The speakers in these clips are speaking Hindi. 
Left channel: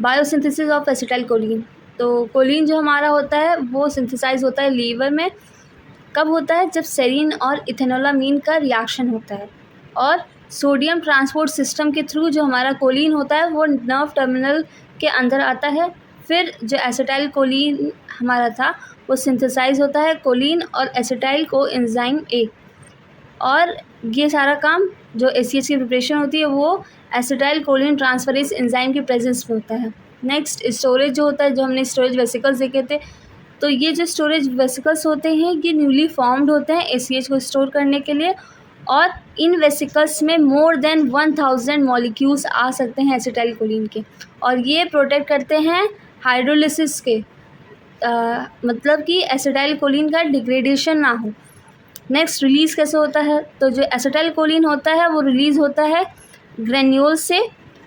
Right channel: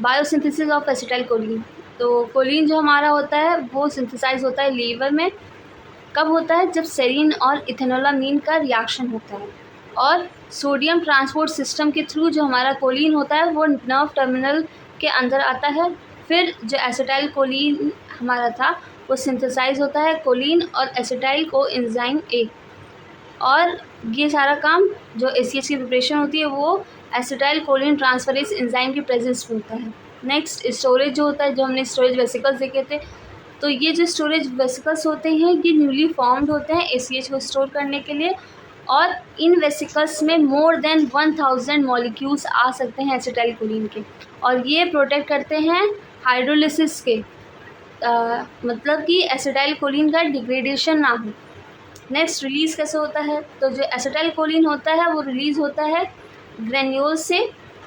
Biosynthesis of acetyl choline. तो कोलिन जो हमारा होता है वो सिंथेसाइज होता है लीवर में। कब होता है? जब सेरीन और इथेनोलामीन का रिएक्शन होता है और सोडियम ट्रांसपोर्ट सिस्टम के थ्रू जो हमारा कोलिन होता है वो नर्व टर्मिनल के अंदर आता है। फिर जो एसिटाइल कोलिन हमारा था वो सिंथेसाइज होता है कोलिन और एसिटाइल को एंजाइम ए, और ये सारा काम जो ACH की प्रिपरेशन होती है वो एसिटाइल कोलिन ट्रांसफरेज एंजाइम की प्रेजेंस में होता है। नेक्स्ट स्टोरेज जो होता है, जो हमने स्टोरेज वेसिकल्स देखे थे, तो ये जो स्टोरेज वेसिकल्स होते हैं ये न्यूली फॉर्म्ड होते हैं ACH को स्टोर करने के लिए, और इन वेसिकल्स में मोर देन 1000 मॉलिक्यूल्स आ सकते हैं एसिटाइल कोलिन के, और ये प्रोटेक्ट करते हैं हाइड्रोलिसिस के, मतलब कि एसिटाइल कोलिन का डिग्रेडेशन ना हो। नेक्स्ट रिलीज़ कैसे होता है? तो जो एसिटाइल कोलिन होता है वो रिलीज़ होता है ग्रेन्यूल से,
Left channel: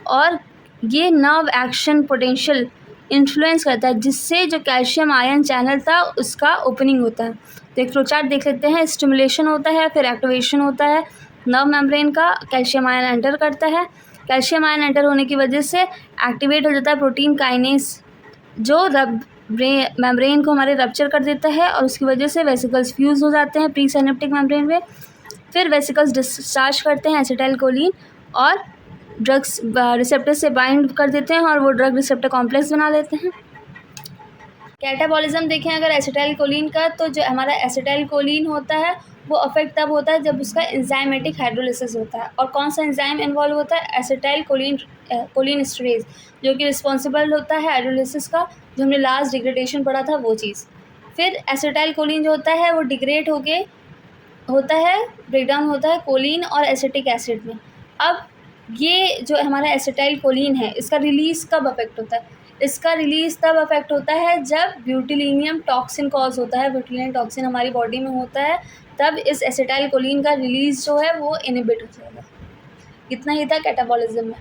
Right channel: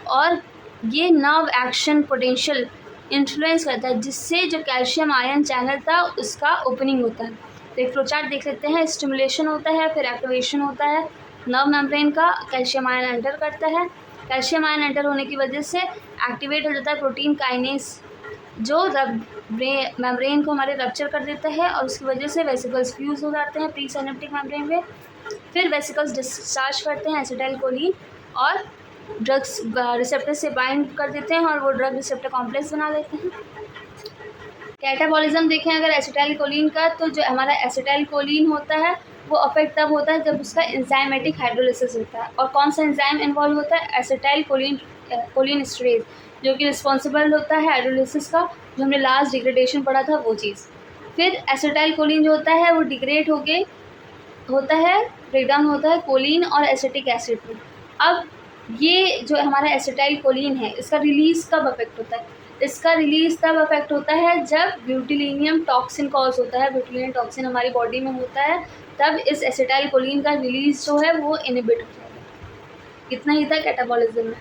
और ये नर्व एक्शन पोटेंशियल इन्फ्लुएंस करता है, जिससे जो कैल्शियम आयन चैनल था उसका ओपनिंग होता है। तो एक फ्लोचार्ट देख लेते हैं। स्टिमुलेशन होता है, फिर एक्टिवेशन होता है नर्व मेम्ब्रेन का, कैल्शियम आयन एंटर करता है। कैल्शियम आयन एंटर होने की वजह से एक्टिवेट हो जाता है प्रोटीन काइनेस, जो मेम्ब्रेन को हमारे रप्चर कर देता है, और उसकी वजह से वेसिकल्स फ्यूज़ हो जाते हैं प्री सिनेप्टिक मेम्ब्रेन में। फिर वेसिकल्स डिस्चार्ज करते हैं एसिटाइल कोलिन और ड्रग्स रिसेप्टर से बाइंड कर देते हैं, और वो ड्रग रिसेप्टर कॉम्प्लेक्स बना देते हैं। कैटाबॉलिज्म देखें अगर एसिटाइल कोलिन का, तो जो हमारा एसिटाइल कोलिन होता है वो अफेक्ट तब होता है जब उसका एंजाइमेटिक हाइड्रोलिसिस होता है। और कौन सा एंजाइम इन्वॉल्व होता है? एसिटाइल कोलिनस्टेरेज, जो कि रिस्पॉन्सिबल होता है हाइड्रोलिसिस का, जो हमने लास्ट डिग्रेडेशन पढ़ा था वो चीज़। फिर एसिटाइल कोलिन जो होता है वो डिग्रेड होके होता है, ब्रेकडाउन होता है कोलिन और एसिटिक एसिड में। अब ये जो हमारा एसिटाइल कोलिन है इसका रिलीज़ कब अफेक्ट होता है? इसका रिलीज़ तब अफेक्ट होता है जब ब्यूटिलिनियम टॉक्सिन कॉज होता है, ब्यूटिलिनियम टॉक्सिन हमारी बॉडी में होता है, तब इस एसिटाइल कोलिन का रिलीज़ जो है वो इनहिबिट हो जाएगा। इतना ही था कैटाबॉलिज्म में।